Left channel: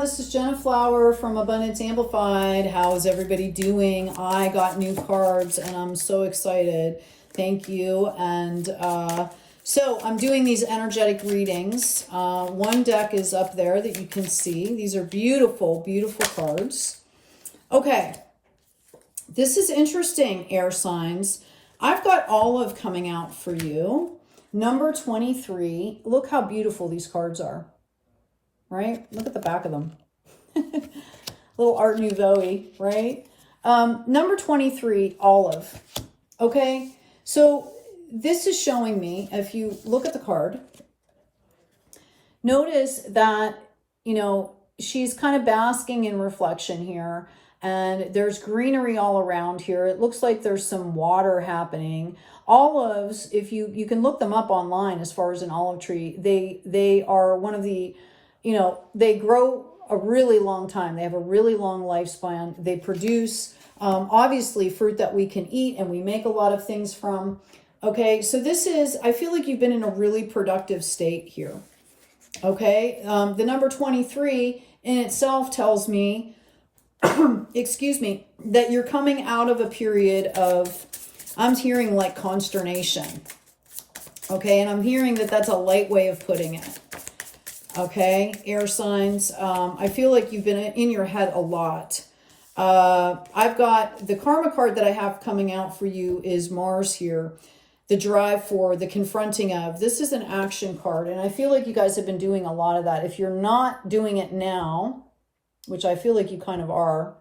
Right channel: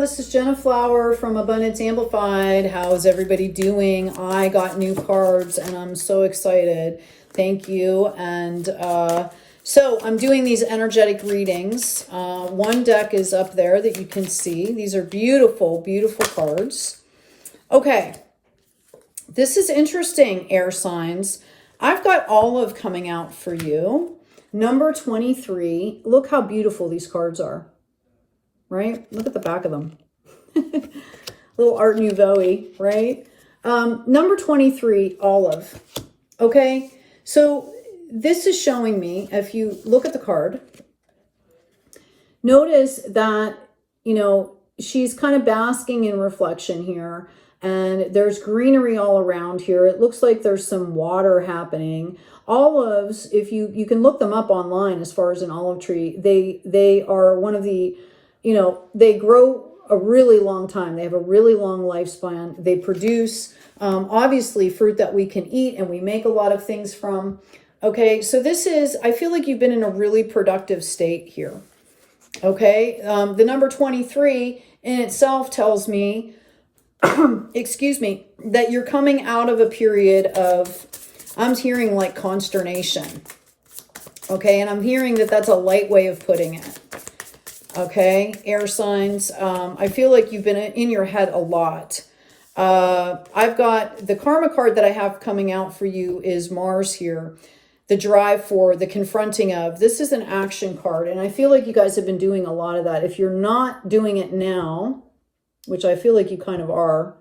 this is Jenna Flower from Abundance Amplified. How's everybody doing? I got new cards and I'm so excited. Thank you. And so I'm doing these energetic readings. One deck is up there that you can see. These are beautiful, beautiful cards. Okay. This is interesting, air signs. I've got Olive coming out for you. Number 23. Look how beautiful these cards are. Right? Look at the back of them. Little Art Nouveau-y, right? Number 23, Olive. Okay? So this is showing me, if you look at the card, notice that, you know, she's kind of basking in reflection here. And there's greenery all around here. It looks like there's some water happening. Olives, if you can look them up online as far as an olive tree, they are one of the, you know, they grow a really long time. They have a really long lifespan. They produce, obviously, fruit that we can eat and we make a lot of things from. Okay, so this is, I feel like you've been in a really productive state here. Okay, the number 23 in itself tells me, excuse me, that you're coming out of a period of, I'm hearing like consternation. Okay, and I'm hearing that that's a light way of putting it. Okay, air signs. I feel like you've been in your head a lot. I've got the karma card that I have coming out for you is Mars here. The drive for, the confronting of. This is an action card. And I feel like you guys have been doing a lot of that. If you're not doing it now, which I feel like you kind of are,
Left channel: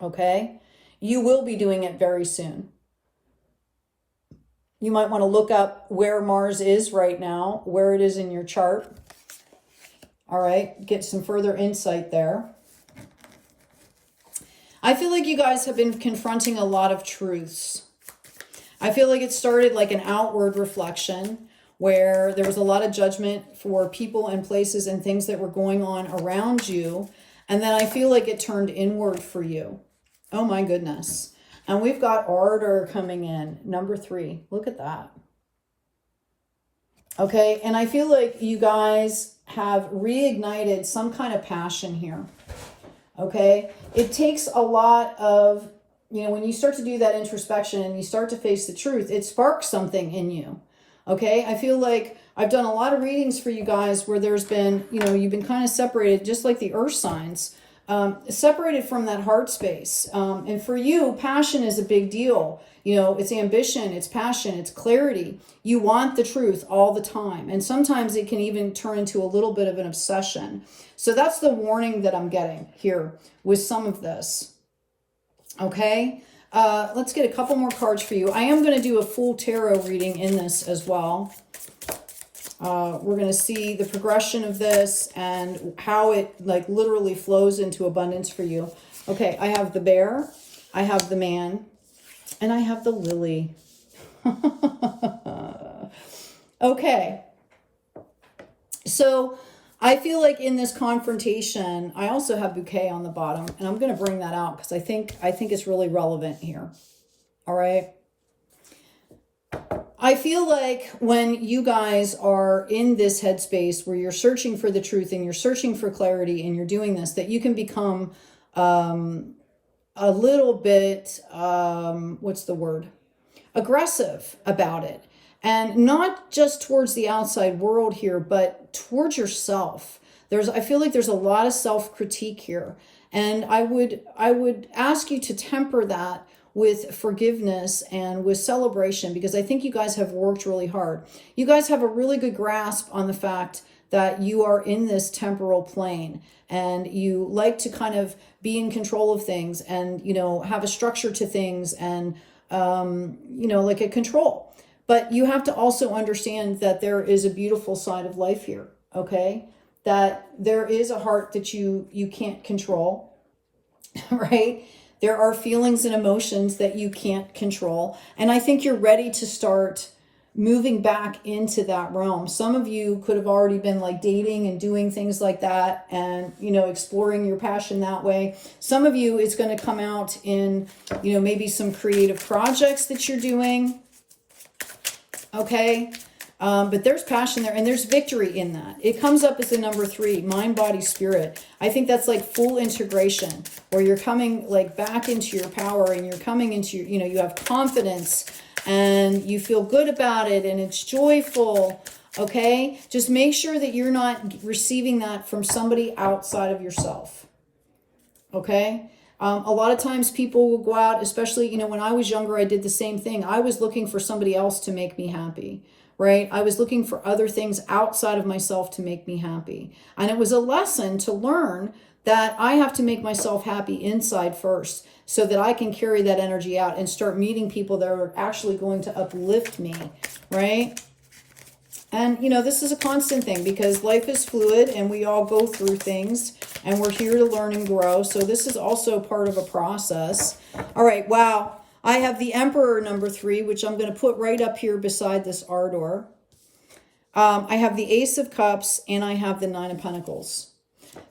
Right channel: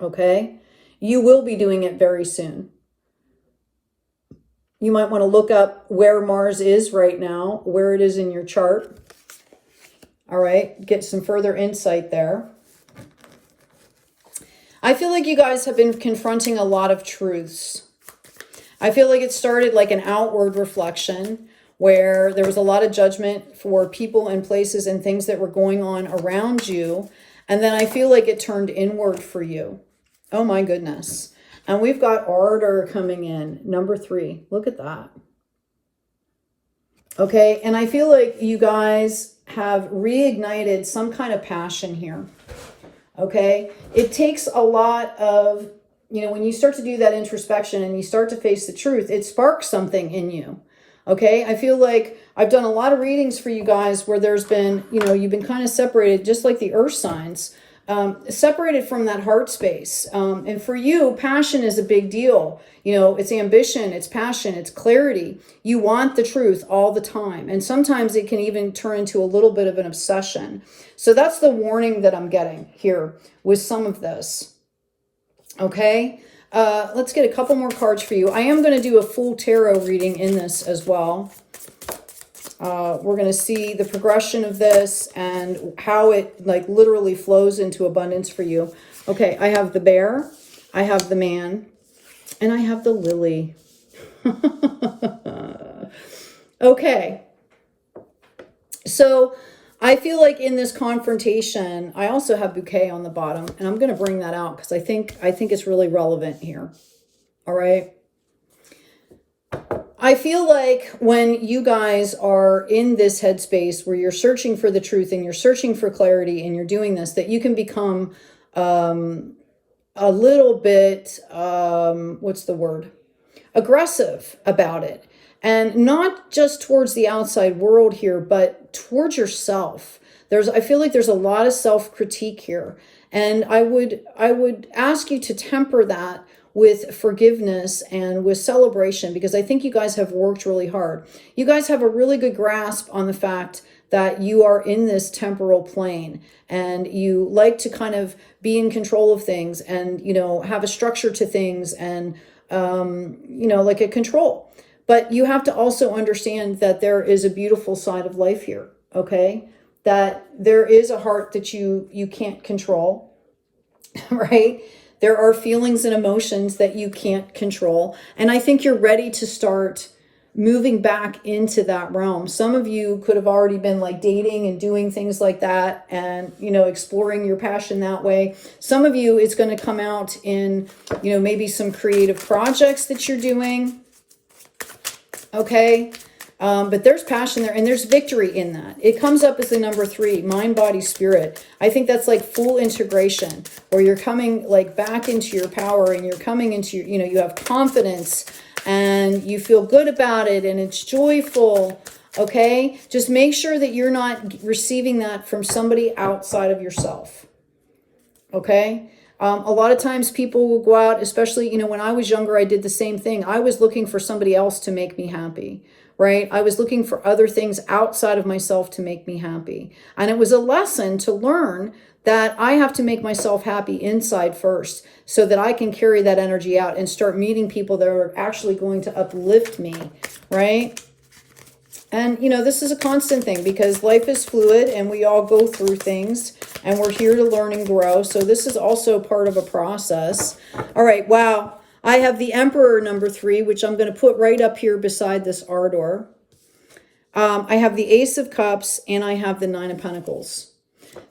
okay, you will be doing it very soon. You might want to look up where Mars is right now, where it is in your chart. All right, get some further insight there. I feel like you guys have been confronting a lot of truths. I feel like it started like an outward reflection where there was a lot of judgment for people and places and things that were going on around you. And then I feel like it turned inward for you. Oh my goodness. And we've got ardor coming in, number 3. Look at that. Okay, and I feel like you guys have reignited some kind of passion here. Okay, it takes a lot of, you know, when you start to do that introspection and you start to face the truth, it sparks something in you. Okay, I feel like I've done a lot of readings for you guys where there's been, you know, you've been kind of separated, just like the earth signs. Separated from that heart space. And for you, passion is a big deal. You know, it's ambition, it's passion, it's clarity. You want the truth all the time. And sometimes it can even turn into a little bit of an obsession. So that's the warning that I'm getting here with some of this. Okay, let's get a couple more cards for you. I am going to do a full tarot reading in this as well. We're going to see the progression of this and how it like literally flows into abundance for you. Okay, I have the bear, I have the man, and I have the lily. Okay. So I feel like in this confrontation, I also have bouquet on the bottom, and I'm going to bring that out because I think it's really relevant here. All right. I feel like when you guys are in this headspace where you're searching for the truth and you're searching for clarity and you're doing this, that you can become a little bit, what's the word? Aggressive about it. And not just towards the outside world here, but towards yourself. I feel like there's a lot of self-critique here. And I would ask you to temper that with forgiveness and with celebration, because I think you guys have worked really hard. You guys have a really good grasp on the fact that you are in this temporal plane and you like to kind of be in control of things and, you know, have a structure to things and, you know, like a control. But you have to also understand that there is a beautiful side of life here, okay? That there is a heart that you can't control, right? There are feelings and emotions that you can't control. And I think you're ready to start moving back into that realm. Some of you could have already been like dating and doing things like that and, you know, exploring your passion that way. Some of you, it's going to come out in, you know, maybe some creative projects that you're doing. Okay. But there's passion there, and there's victory in that. It comes up as the number 3, mind, body, spirit. I think that's like full integration, where you're coming like back into your power, and you're coming into your, you know, you have confidence and you feel good about it, and it's joyful. Okay, just make sure that you're not receiving that from somebody outside of yourself. Okay. A lot of times people will go out, especially, you know, when I was younger, I did the same thing. I was looking for somebody else to make me happy, right? I was looking for other things outside of myself to make me happy. And it was a lesson to learn that I have to make myself happy inside first, so that I can carry that energy out and start meeting people that are actually going to uplift me, right? And, you know, this is a constant thing, because life is fluid and we all go through things, and we're here to learn and grow. So this is also part of a process. All right. Wow. I have the Emperor number 3, which I'm going to put right up here beside this Ardor. I have the Ace of Cups, and I have the 9 of Pentacles.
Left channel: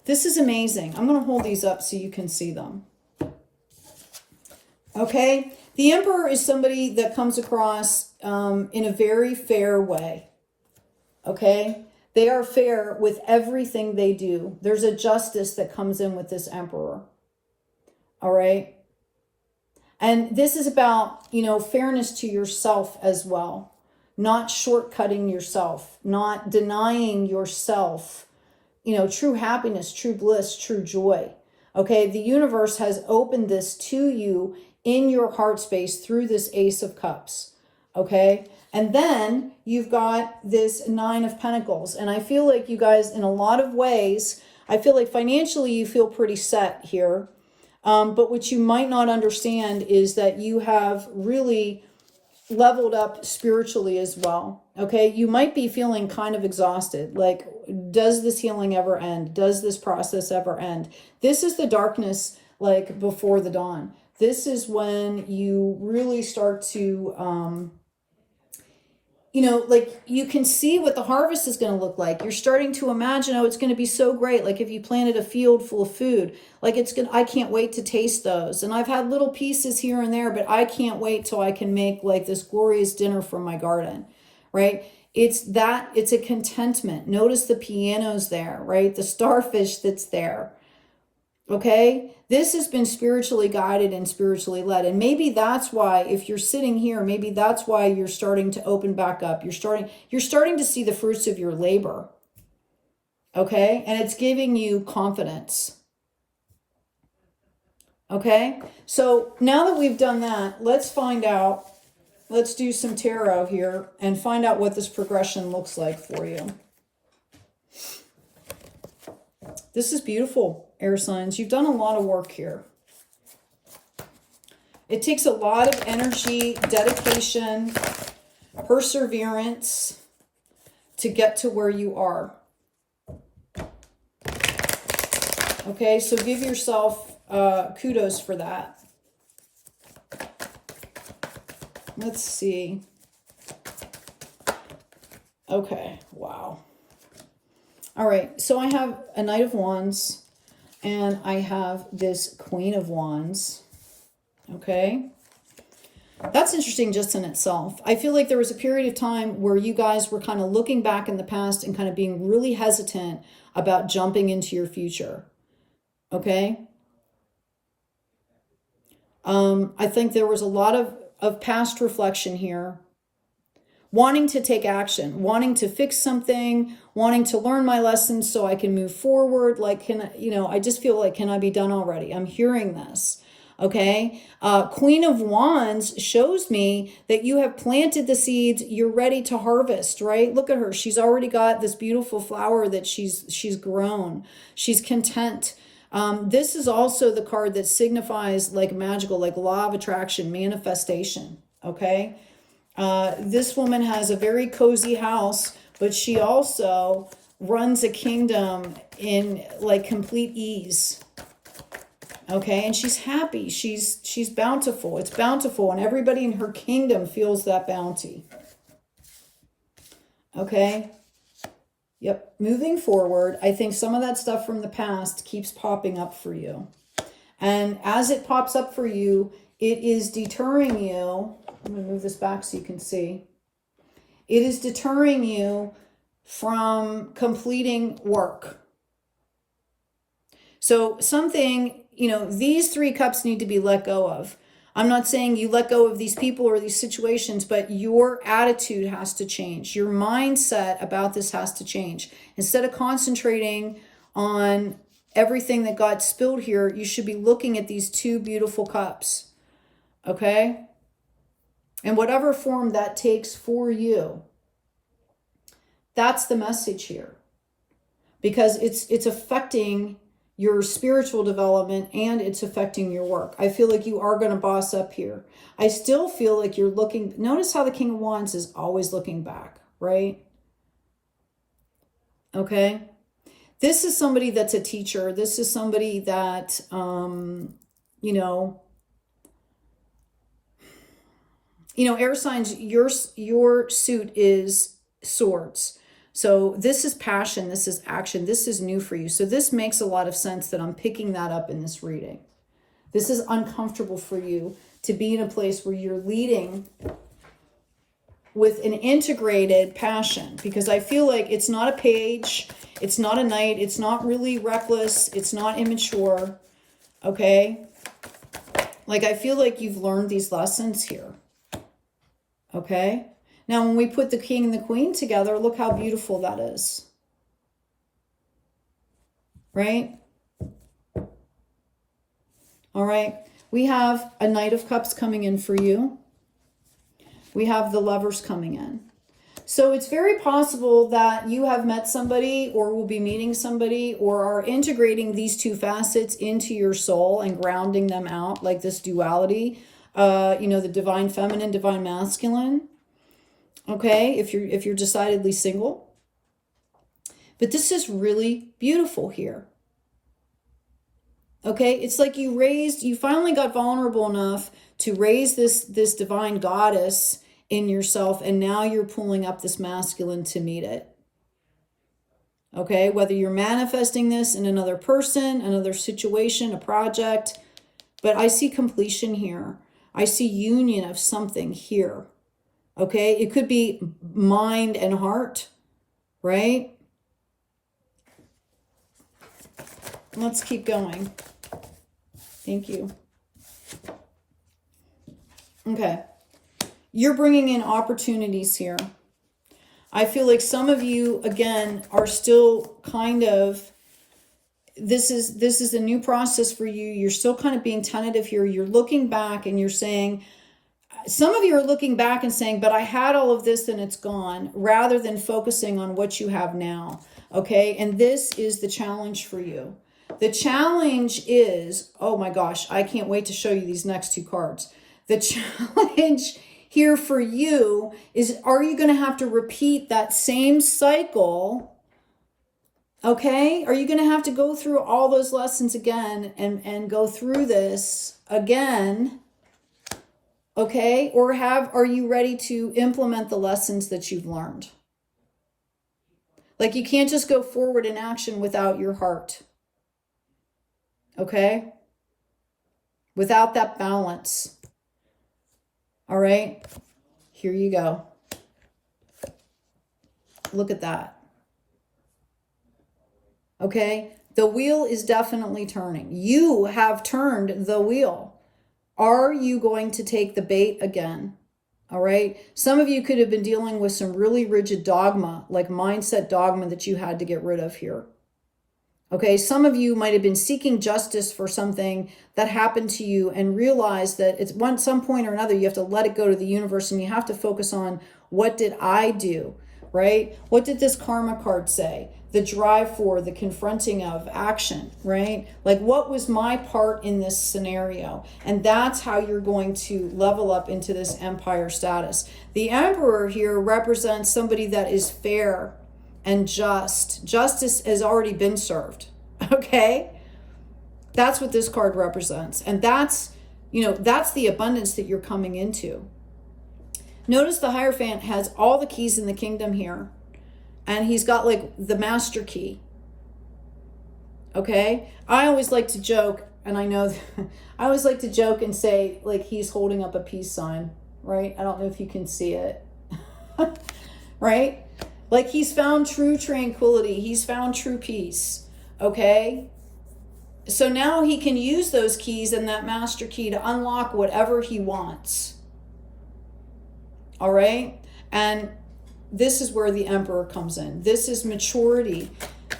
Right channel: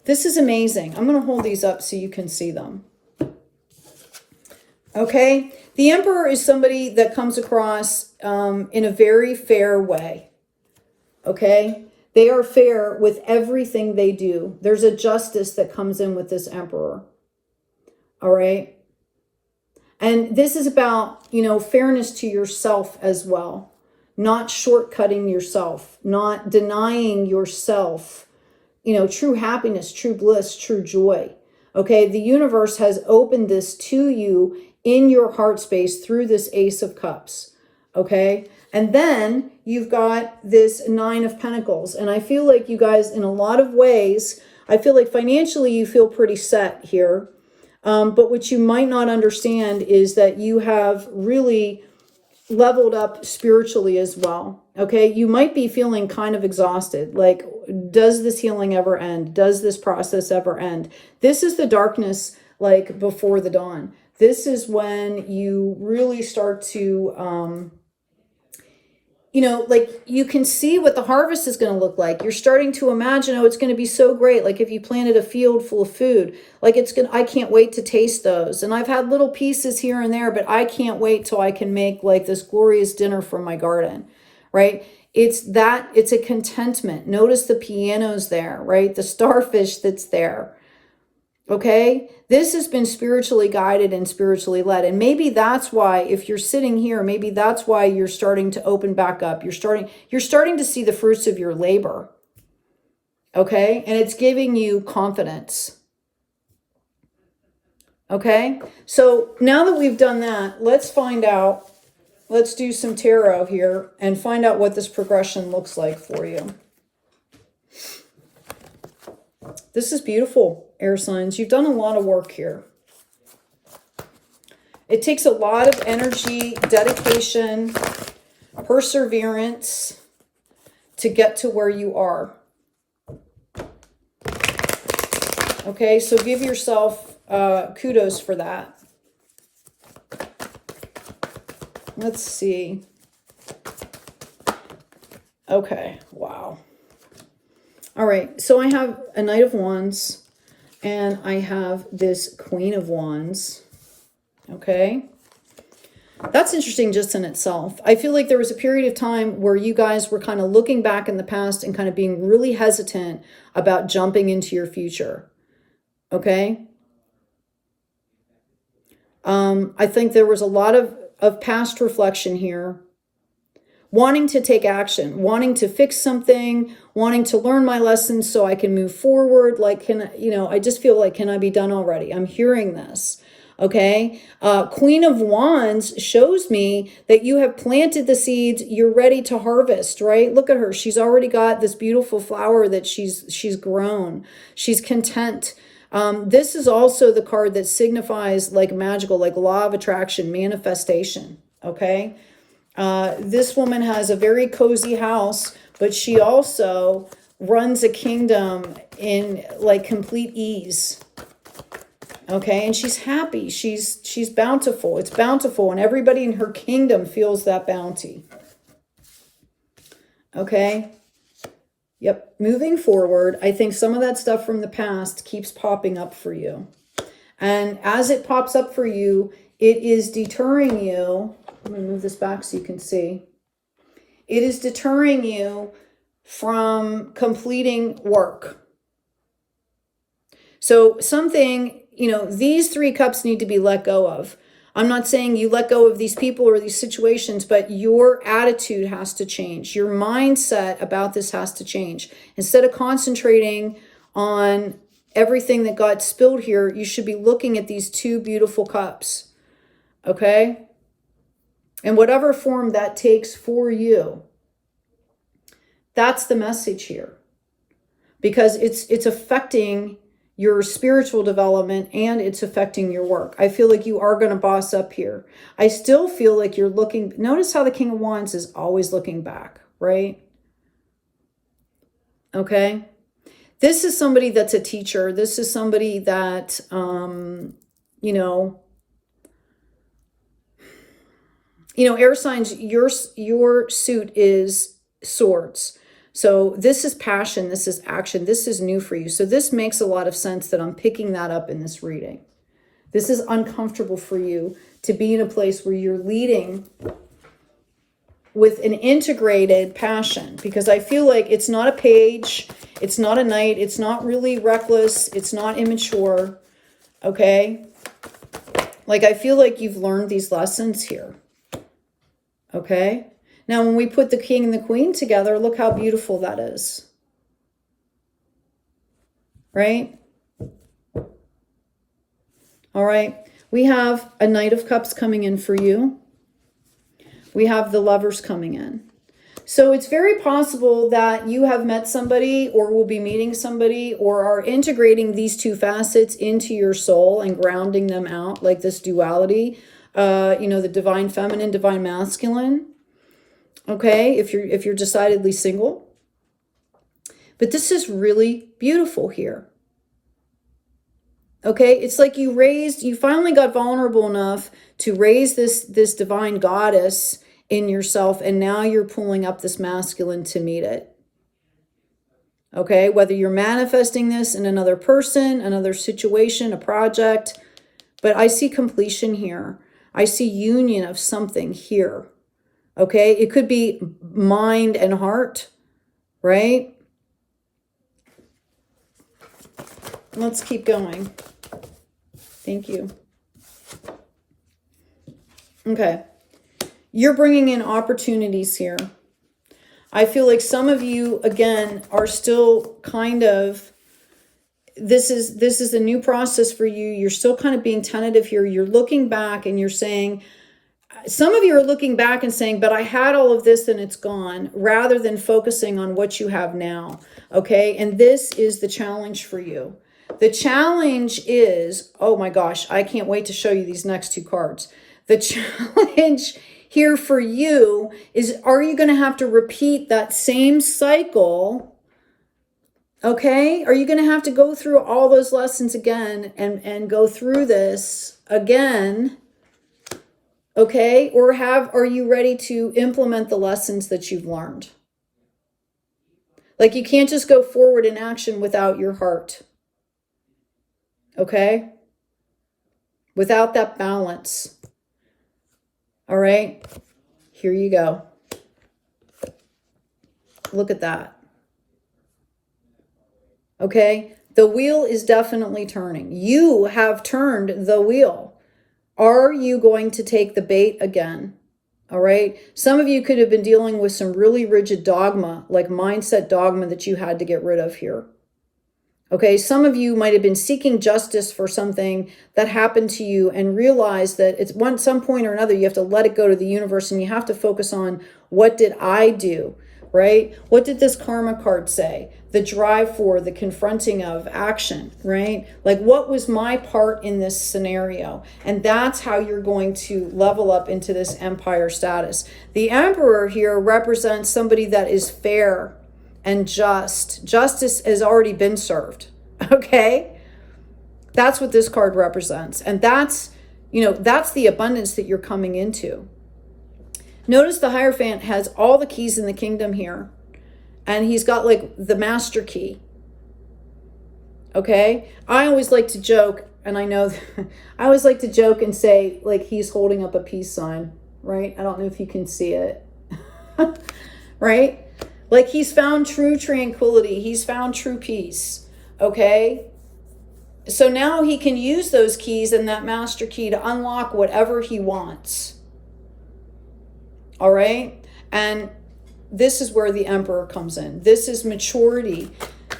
This is amazing. I'm going to hold these up so you can see them. Okay. The Emperor is somebody that comes across in a very fair way. Okay. They are fair with everything they do. There's a justice that comes in with this Emperor. All right. And this is about, you know, fairness to yourself as well. Not shortcutting yourself, not denying yourself, you know, true happiness, true bliss, true joy. Okay. The universe has opened this to you in your heart space through this Ace of Cups. Okay. And then you've got this 9 of Pentacles. And I feel like you guys, in a lot of ways, I feel like financially you feel pretty set here. But what you might not understand is that you have really leveled up spiritually as well. Okay. You might be feeling kind of exhausted. Like, does this healing ever end? Does this process ever end? This is the darkness, like before the dawn. This is when you really start to, you know, like you can see what the harvest is going to look like. You're starting to imagine, oh, it's going to be so great. Like if you planted a field full of food, like it's good. I can't wait to taste those. And I've had little pieces here and there, but I can't wait till I can make like this glorious dinner from my garden, right? It's a contentment. Notice the pianos there, right? The starfish that's there. Okay. This has been spiritually guided and spiritually led. And maybe that's why, if you're sitting here, maybe that's why you're starting to open back up. You're starting to see the fruits of your labor. Okay. And it's giving you confidence. Okay. So now that we've done that, let's find out, let's do some tarot here and find out what this progression looks like for you. This is beautiful, air signs. You've done a lot of work here. It takes a lot of energy, dedication, perseverance to get to where you are. Okay, so give yourself kudos for that. Let's see. Okay, wow. All right, so I have a Knight of Wands, and I have this Queen of Wands. Okay. That's interesting just in itself. I feel like there was a period of time where you guys were kind of looking back in the past and kind of being really hesitant about jumping into your future. Okay. I think there was a lot of past reflection here. Wanting to take action, wanting to fix something, wanting to learn my lessons so I can move forward. Like, I just feel like, can I be done already? I'm hearing this. Okay. Queen of Wands shows me that you have planted the seeds. You're ready to harvest, right? Look at her. She's already got this beautiful flower that she's grown. She's content. This is also the card that signifies like magical, like law of attraction, manifestation. Okay. This woman has a very cozy house, but she also runs a kingdom in like complete ease. Okay. And she's happy. She's bountiful. It's bountiful. And everybody in her kingdom feels that bounty. Okay. Yep. Moving forward, I think some of that stuff from the past keeps popping up for you. And as it pops up for you, it is deterring you. I'm going to move this back so you can see. It is deterring you from completing work. So something, you know, these 3 cups need to be let go of. I'm not saying you let go of these people or these situations, but your attitude has to change. Your mindset about this has to change. Instead of concentrating on everything that got spilled here, you should be looking at these 2 beautiful cups. Okay? And whatever form that takes for you, that's the message here. Because it's affecting your spiritual development and it's affecting your work. I feel like you are going to boss up here. I still feel like you're looking, notice how the King of Wands is always looking back, right? Okay. This is somebody that's a teacher. This is somebody that, you know, air signs, your suit is swords. So this is passion, this is action, this is new for you. So this makes a lot of sense that I'm picking that up in this reading. This is uncomfortable for you to be in a place where you're leading with an integrated passion, because I feel like it's not a page, it's not a knight, it's not really reckless, it's not immature, okay? Like I feel like you've learned these lessons here, okay? Now, when we put the king and the queen together, look how beautiful that is. Right? All right. We have a Knight of Cups coming in for you. We have the Lovers coming in. So it's very possible that you have met somebody or will be meeting somebody or are integrating these 2 facets into your soul and grounding them out, like this duality, the divine feminine, divine masculine. Okay, if you're decidedly single. But this is really beautiful here. Okay, it's like you finally got vulnerable enough to raise this divine goddess in yourself, and now you're pulling up this masculine to meet it. Okay, whether you're manifesting this in another person, another situation, a project, but I see completion here. I see union of something here. Okay, it could be mind and heart, right? Let's keep going. Thank you. Okay, you're bringing in opportunities here. I feel like some of you, again, are still kind of, this is a new process for you. You're still kind of being tentative here. You're looking back and you're saying, some of you are looking back and saying, but I had all of this and it's gone, rather than focusing on what you have now. Okay. And this is the challenge for you. The challenge is, oh my gosh, I can't wait to show you these next 2 cards. The challenge here for you is, are you going to have to repeat that same cycle? Okay. Are you going to have to go through all those lessons again and go through this again? Okay, or are you ready to implement the lessons that you've learned? Like you can't just go forward in action without your heart. Okay? Without that balance. All right, here you go. Look at that. Okay, the wheel is definitely turning. You have turned the wheel. Are you going to take the bait again? All right. Some of you could have been dealing with some really rigid dogma, like mindset dogma that you had to get rid of here. Okay. Some of you might have been seeking justice for something that happened to you and realized that it's some point or another, you have to let it go to the universe and you have to focus on, what did I do? Right? What did this karma card say? The drive for, the confronting of action, right? Like, what was my part in this scenario? And that's how you're going to level up into this empire status. The Emperor here represents somebody that is fair and just. Justice has already been served, okay? That's what this card represents. And that's, that's the abundance that you're coming into. Notice the Hierophant has all the keys in the kingdom here. And he's got like the master key. Okay? I always like to joke, and I know, I always like to joke and say, like, he's holding up a peace sign, right? I don't know if you can see it. right? Like he's found true tranquility. He's found true peace, okay? So now he can use those keys and that master key to unlock whatever he wants. All right? And this is where the Emperor comes in. This is maturity.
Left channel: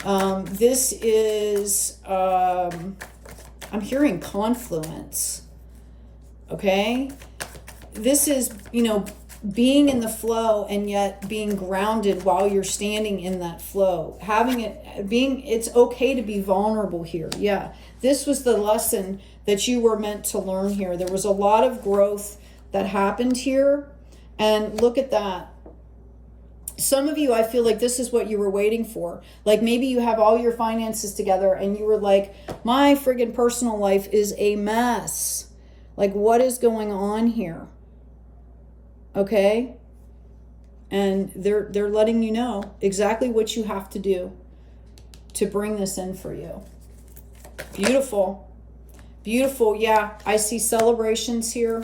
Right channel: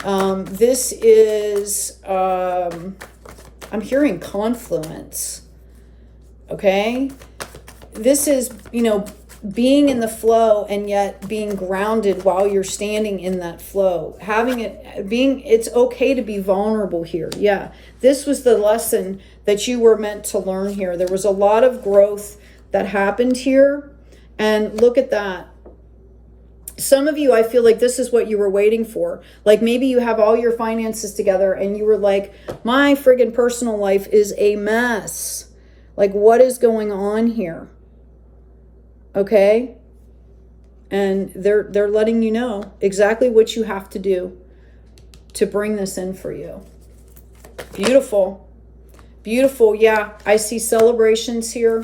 This is, I'm hearing confluence. Okay? This is, you know, being in the flow and yet being grounded while you're standing in that flow. Having it, it's okay to be vulnerable here. Yeah. This was the lesson that you were meant to learn here. There was a lot of growth that happened here. And look at that. Some of you, I feel like this is what you were waiting for. Like maybe you have all your finances together and you were like, my friggin' personal life is a mess. Like what is going on here? Okay? And they're letting you know exactly what you have to do to bring this in for you. Beautiful. Beautiful. Yeah, I see celebrations here.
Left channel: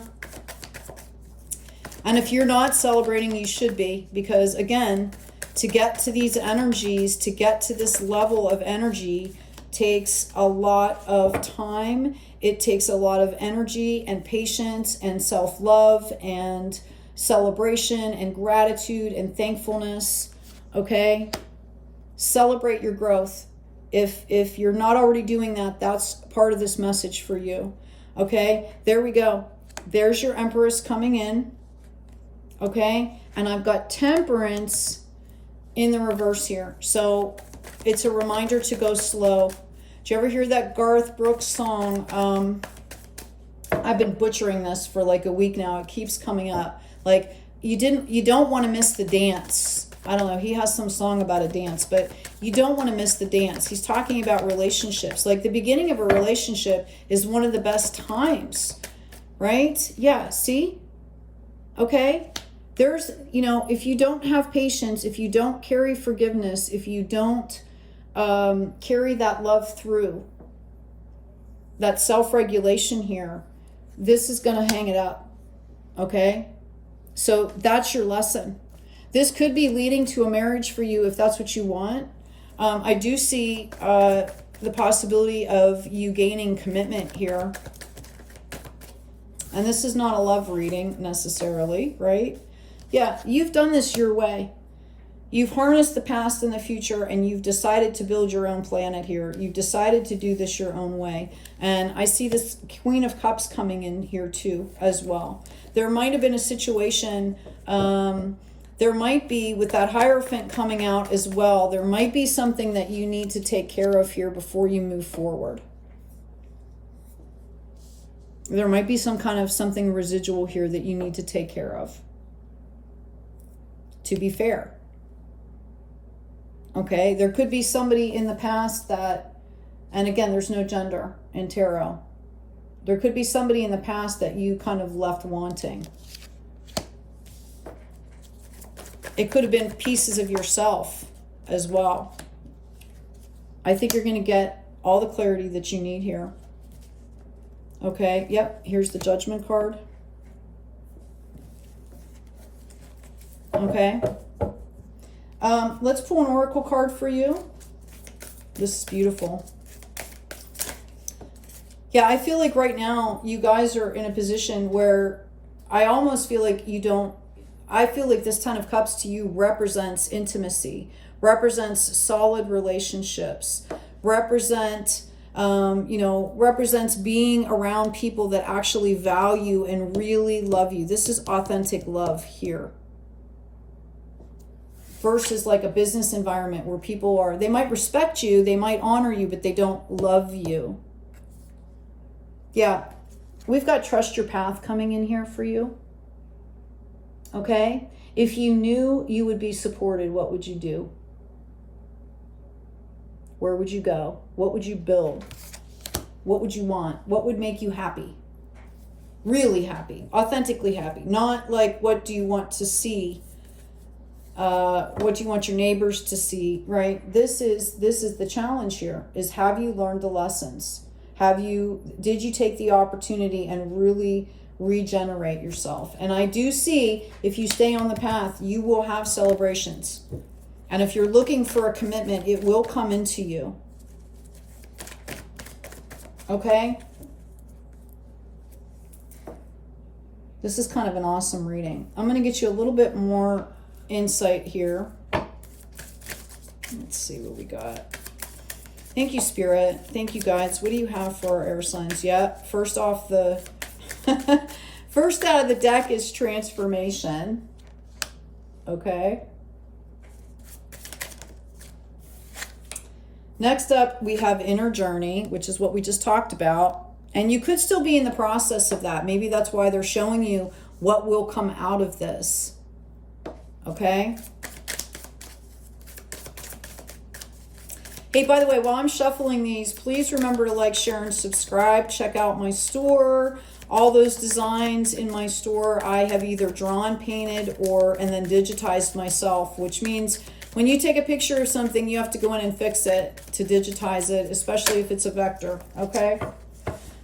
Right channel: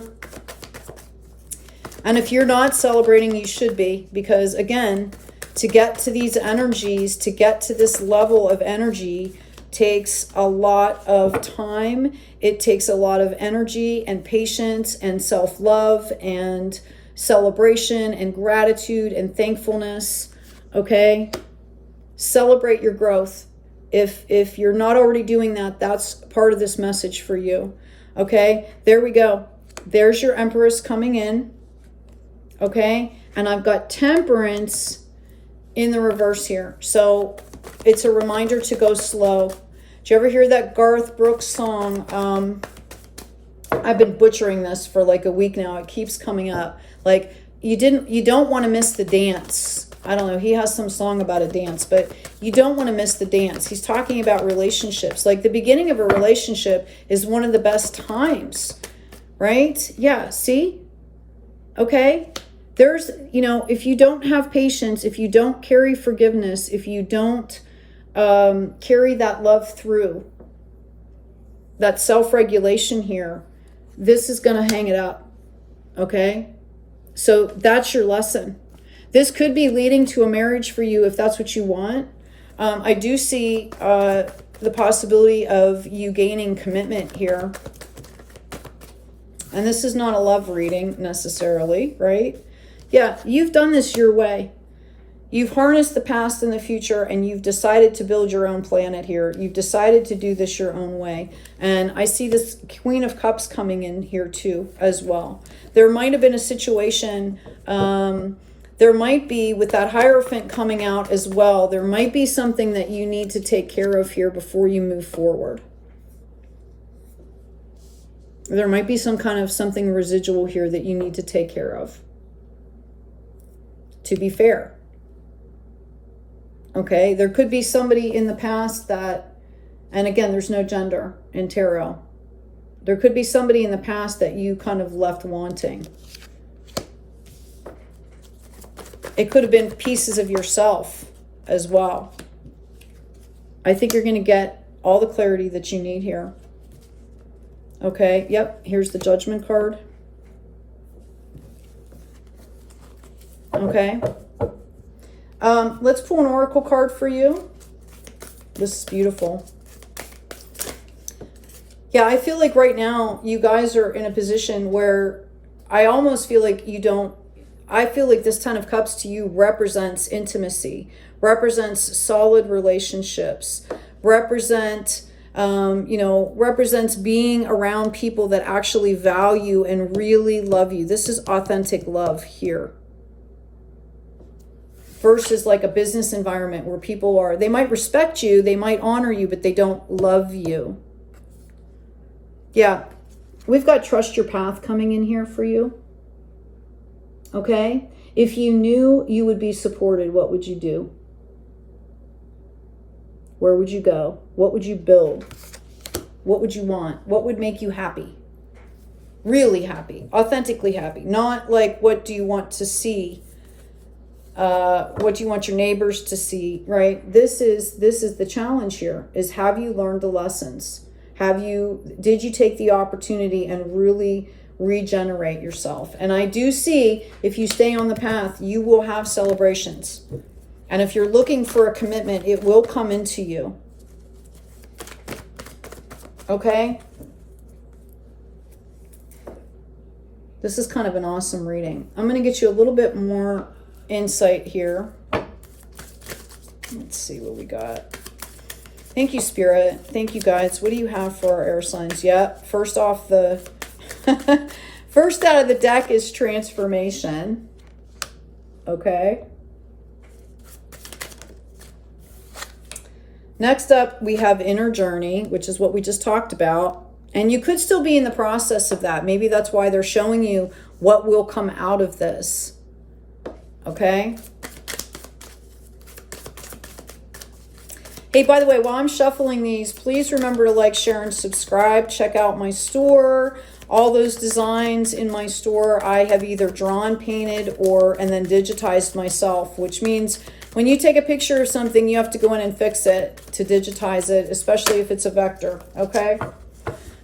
And if you're not celebrating, you should be, because again, to get to these energies, to get to this level of energy takes a lot of time. It takes a lot of energy and patience and self-love and celebration and gratitude and thankfulness. Okay? Celebrate your growth. If you're not already doing that, that's part of this message for you. Okay? There we go. There's your Empress coming in. Okay, and I've got Temperance in the reverse here. So it's a reminder to go slow. Did you ever hear that Garth Brooks song? I've been butchering this for like a week now. It keeps coming up. Like you don't want to miss the dance. I don't know. He has some song about a dance, but you don't want to miss the dance. He's talking about relationships. Like the beginning of a relationship is one of the best times, right? Yeah. See? Okay. There's, you know, if you don't have patience, if you don't carry forgiveness, if you don't carry that love through, that self-regulation here, this is going to hang it up. Okay? So that's your lesson. This could be leading to a marriage for you if that's what you want. I do see the possibility of you gaining commitment here. And this is not a love reading necessarily, right? Yeah, you've done this your way. You've harnessed the past and the future, and you've decided to build your own planet here. You've decided to do this your own way. And I see this Queen of Cups coming in here too, as well. There might have been a situation, there might be, with that Hierophant coming out as well, there might be something that you need to take care of here before you move forward. There might be some kind of something residual here that you need to take care of. To be fair. Okay, there could be somebody in the past that, and again, there's no gender in tarot. There could be somebody in the past that you kind of left wanting. It could have been pieces of yourself as well. I think you're going to get all the clarity that you need here. Okay, yep, here's the Judgment card. Okay. Let's pull an oracle card for you. This is beautiful. Yeah, I feel like right now you guys are in a position where I almost feel like you don't, I feel like this Ten of Cups to you represents intimacy, represents solid relationships, represents being around people that actually value and really love you. This is authentic love here. Versus like a business environment where people are, they might respect you, they might honor you, but they don't love you. Yeah, we've got Trust Your Path coming in here for you. Okay? If you knew you would be supported, what would you do? Where would you go? What would you build? What would you want? What would make you happy? Really happy, authentically happy. Not like, what do you want to see? What do you want your neighbors to see, right? This is the challenge here, is have you learned the lessons? Did you take the opportunity and really regenerate yourself. And I do see, if you stay on the path, you will have celebrations. And if you're looking for a commitment, it will come into you. Okay? This is kind of an awesome reading. I'm going to get you a little bit more insight here. Let's see what we got. Thank you, Spirit. Thank you, guys. What do you have for our air signs? Yep. First off, the first out of the deck is transformation. Okay. Next up, we have inner journey, which is what we just talked about. And you could still be in the process of that. Maybe that's why they're showing you what will come out of this. Okay. Hey, by the way, while I'm shuffling these, please remember to like, share, and subscribe. Check out my store. All those designs in my store, I have either drawn, painted, and then digitized myself, which means when you take a picture of something, you have to go in and fix it to digitize it, especially if it's a vector, okay?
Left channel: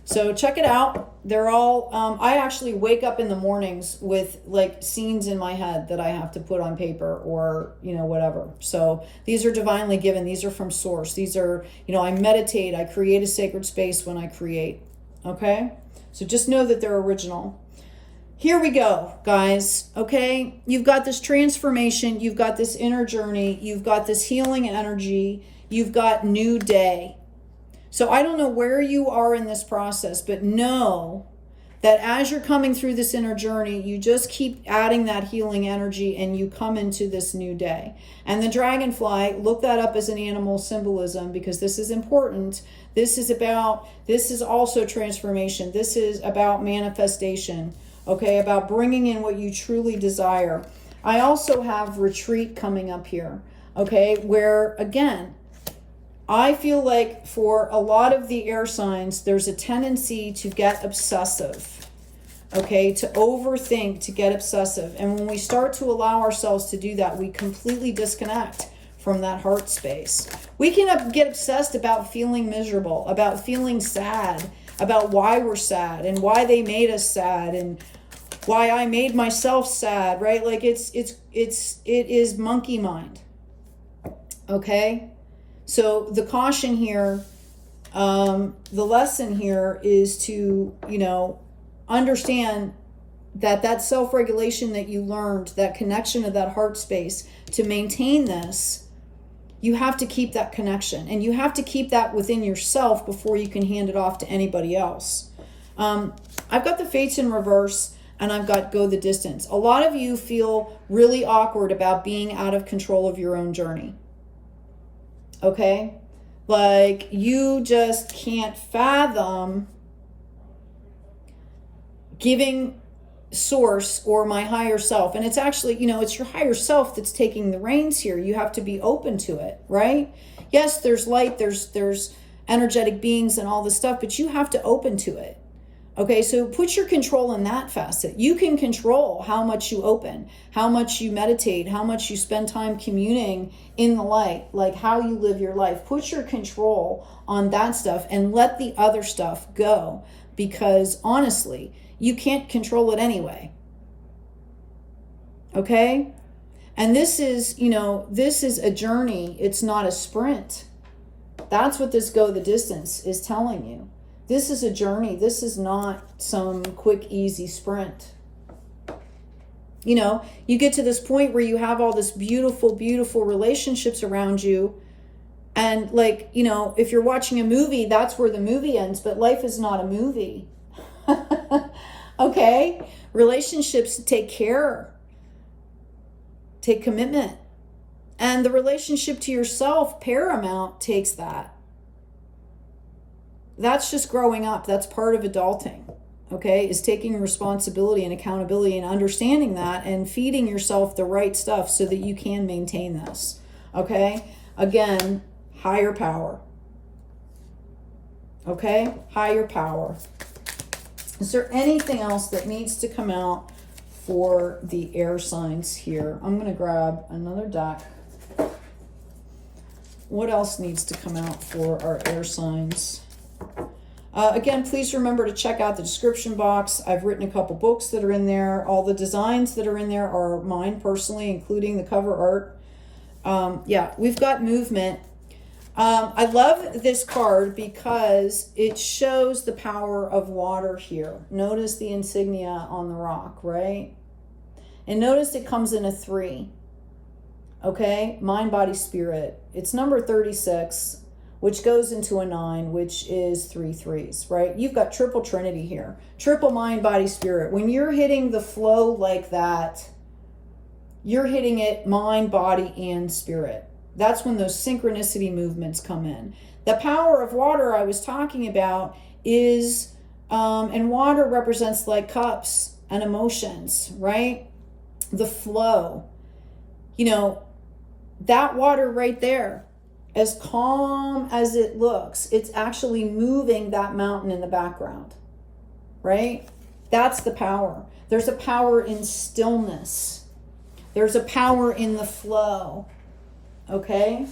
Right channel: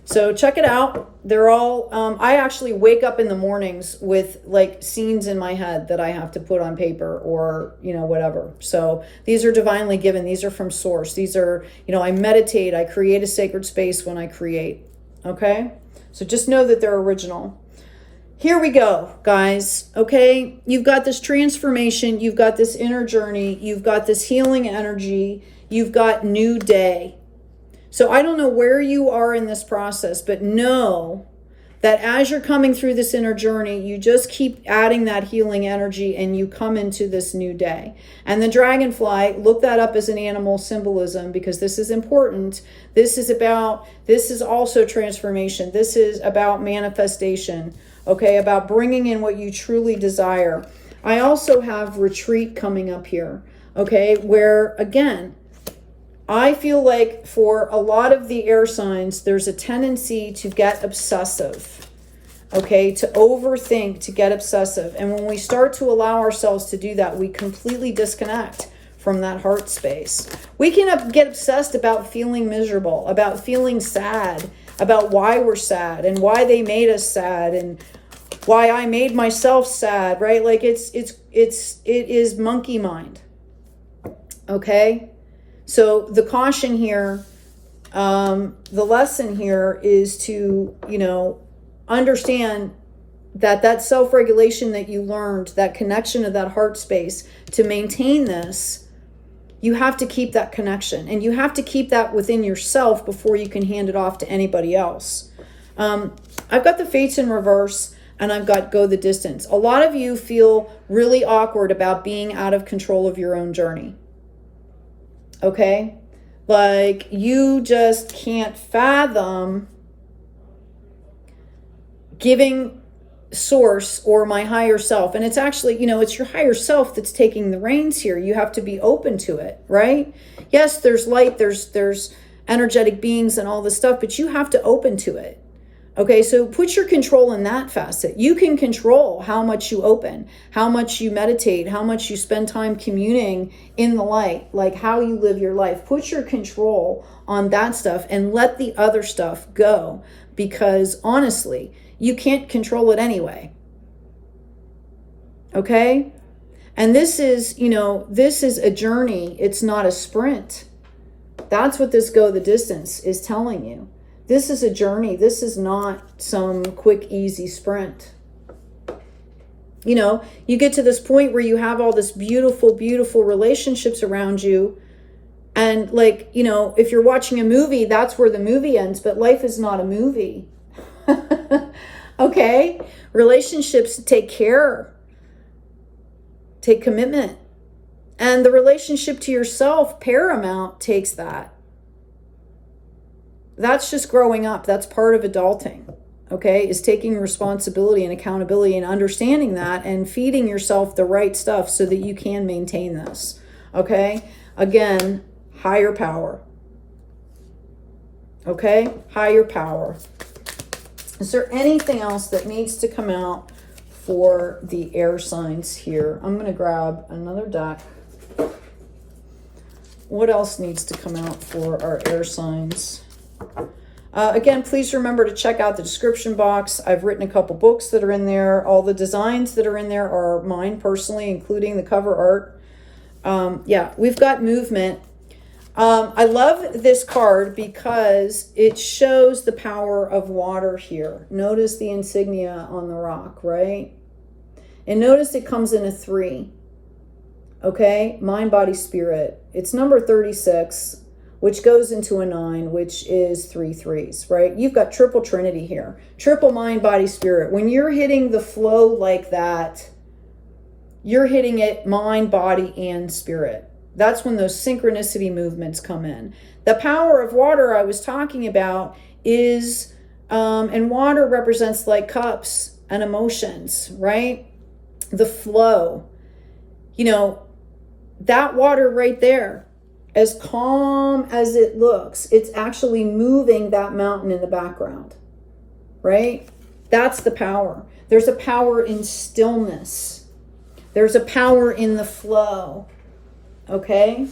So check it out. They're all, I actually wake up in the mornings with like scenes in my head that I have to put on paper or, you know, whatever. So these are divinely given. These are from source. These are, you know, I meditate. I create a sacred space when I create. Okay. So just know that they're original. Here we go, guys. Okay. You've got this transformation. You've got this inner journey. You've got this healing energy. You've got new day. So I don't know where you are in this process, but know that as you're coming through this inner journey, you just keep adding that healing energy and you come into this new day. And the dragonfly, look that up as an animal symbolism because this is important. This is also transformation. This is about manifestation, okay? About bringing in what you truly desire. I also have retreat coming up here, okay? Where, again, I feel like for a lot of the air signs, there's a tendency to get obsessive, okay, to overthink, to get obsessive. And when we start to allow ourselves to do that, we completely disconnect from that heart space. We can get obsessed about feeling miserable, about feeling sad, about why we're sad and why they made us sad and why I made myself sad, right? Like it is monkey mind, okay? So the caution here, the lesson here is to, you know, understand that self-regulation that you learned, that connection of that heart space, to maintain this, you have to keep that connection. And you have to keep that within yourself before you can hand it off to anybody else. I've got the Fates in reverse and I've got go the distance. A lot of you feel really awkward about being out of control of your own journey. Okay, like you just can't fathom giving source or my higher self. And it's actually, you know, it's your higher self that's taking the reins here. You have to be open to it, right? Yes, there's light, there's energetic beings and all this stuff, but you have to open to it. Okay, so put your control in that facet. You can control how much you open, how much you meditate, how much you spend time communing in the light, like how you live your life. Put your control on that stuff and let the other stuff go, because honestly, you can't control it anyway. Okay? And this is, you know, this is a journey. It's not a sprint. That's what this go the distance is telling you. This is a journey. This is not some quick, easy sprint. You know, you get to this point where you have all this beautiful, beautiful relationships around you. And like, you know, if you're watching a movie, that's where the movie ends. But life is not a movie. Okay? Relationships take care. Take commitment. And the relationship to yourself, paramount, takes that. That's just growing up. That's part of adulting, okay, is taking responsibility and accountability and understanding that and feeding yourself the right stuff so that you can maintain this, okay? Again, higher power, okay? Higher power. Is there anything else that needs to come out for the air signs here? I'm going to grab another deck. What else needs to come out for our air signs? Again, please remember to check out the description box. I've written a couple books that are in there. All the designs that are in there are mine personally, including the cover art. Yeah, we've got movement. I love this card because it shows the power of water here. Notice the insignia on the rock, right? And notice it comes in a 3. Okay, mind, body, spirit. It's number 36, which goes into a 9, which is 3 3s, right? You've got triple trinity here. Triple mind, body, spirit. When you're hitting the flow like that, you're hitting it mind, body, and spirit. That's when those synchronicity movements come in. The power of water I was talking about is, and water represents like cups and emotions, right? The flow. You know, that water right there, as calm as it looks, it's actually moving that mountain in the background, right? That's the power. There's a power in stillness. There's a power in the flow. Okay,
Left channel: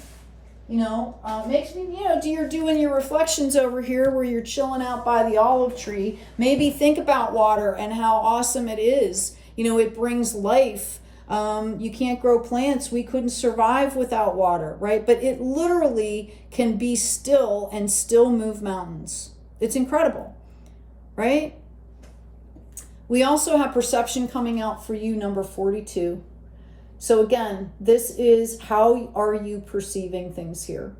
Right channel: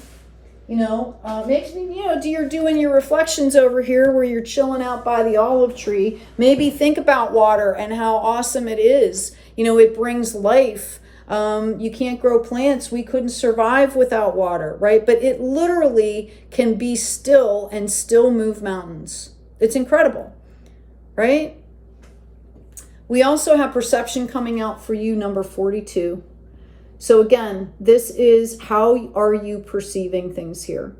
you know, makes me, you know, you're doing your reflections over here where you're chilling out by the olive tree. Maybe think about water and how awesome it is. You know, it brings life. You can't grow plants. We couldn't survive without water, right? But it literally can be still and still move mountains. It's incredible, right? We also have perception coming out for you, number 42. So again, this is how are you perceiving things here,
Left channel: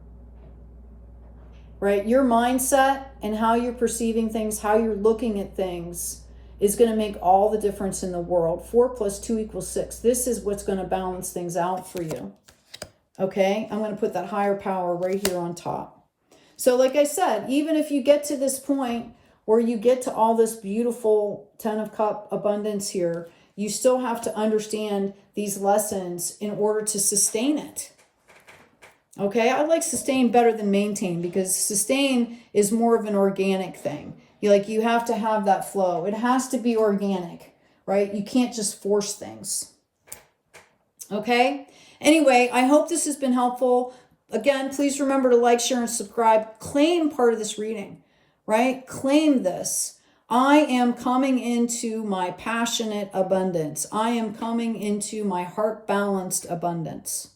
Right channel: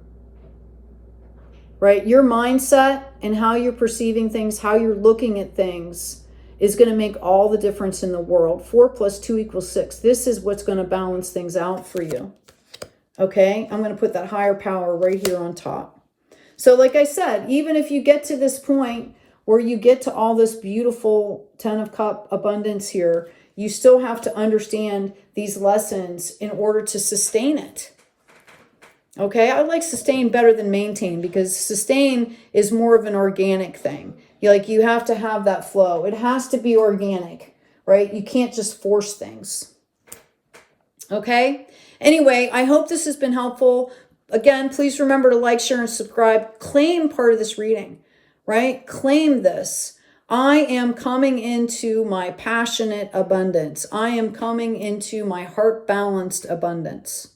right? Your mindset and how you're perceiving things, how you're looking at things is going to make all the difference in the world. 4 + 2 = 6. This is what's going to balance things out for you. Okay, I'm going to put that higher power right here on top. So like I said, even if you get to this point where you get to all this beautiful 10 of Cups abundance here, you still have to understand these lessons in order to sustain it. Okay, I like sustain better than maintain because sustain is more of an organic thing. You have to have that flow. It has to be organic, right? You can't just force things. Okay, anyway, I hope this has been helpful. Again, please remember to like, share, and subscribe. Claim part of this reading, right? Claim this. I am coming into my passionate abundance. I am coming into my heart-balanced abundance.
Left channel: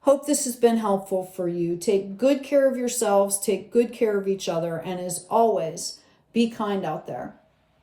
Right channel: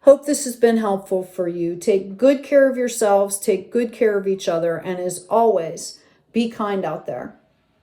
Hope this has been helpful for you. Take good care of yourselves. Take good care of each other. And as always, be kind out there.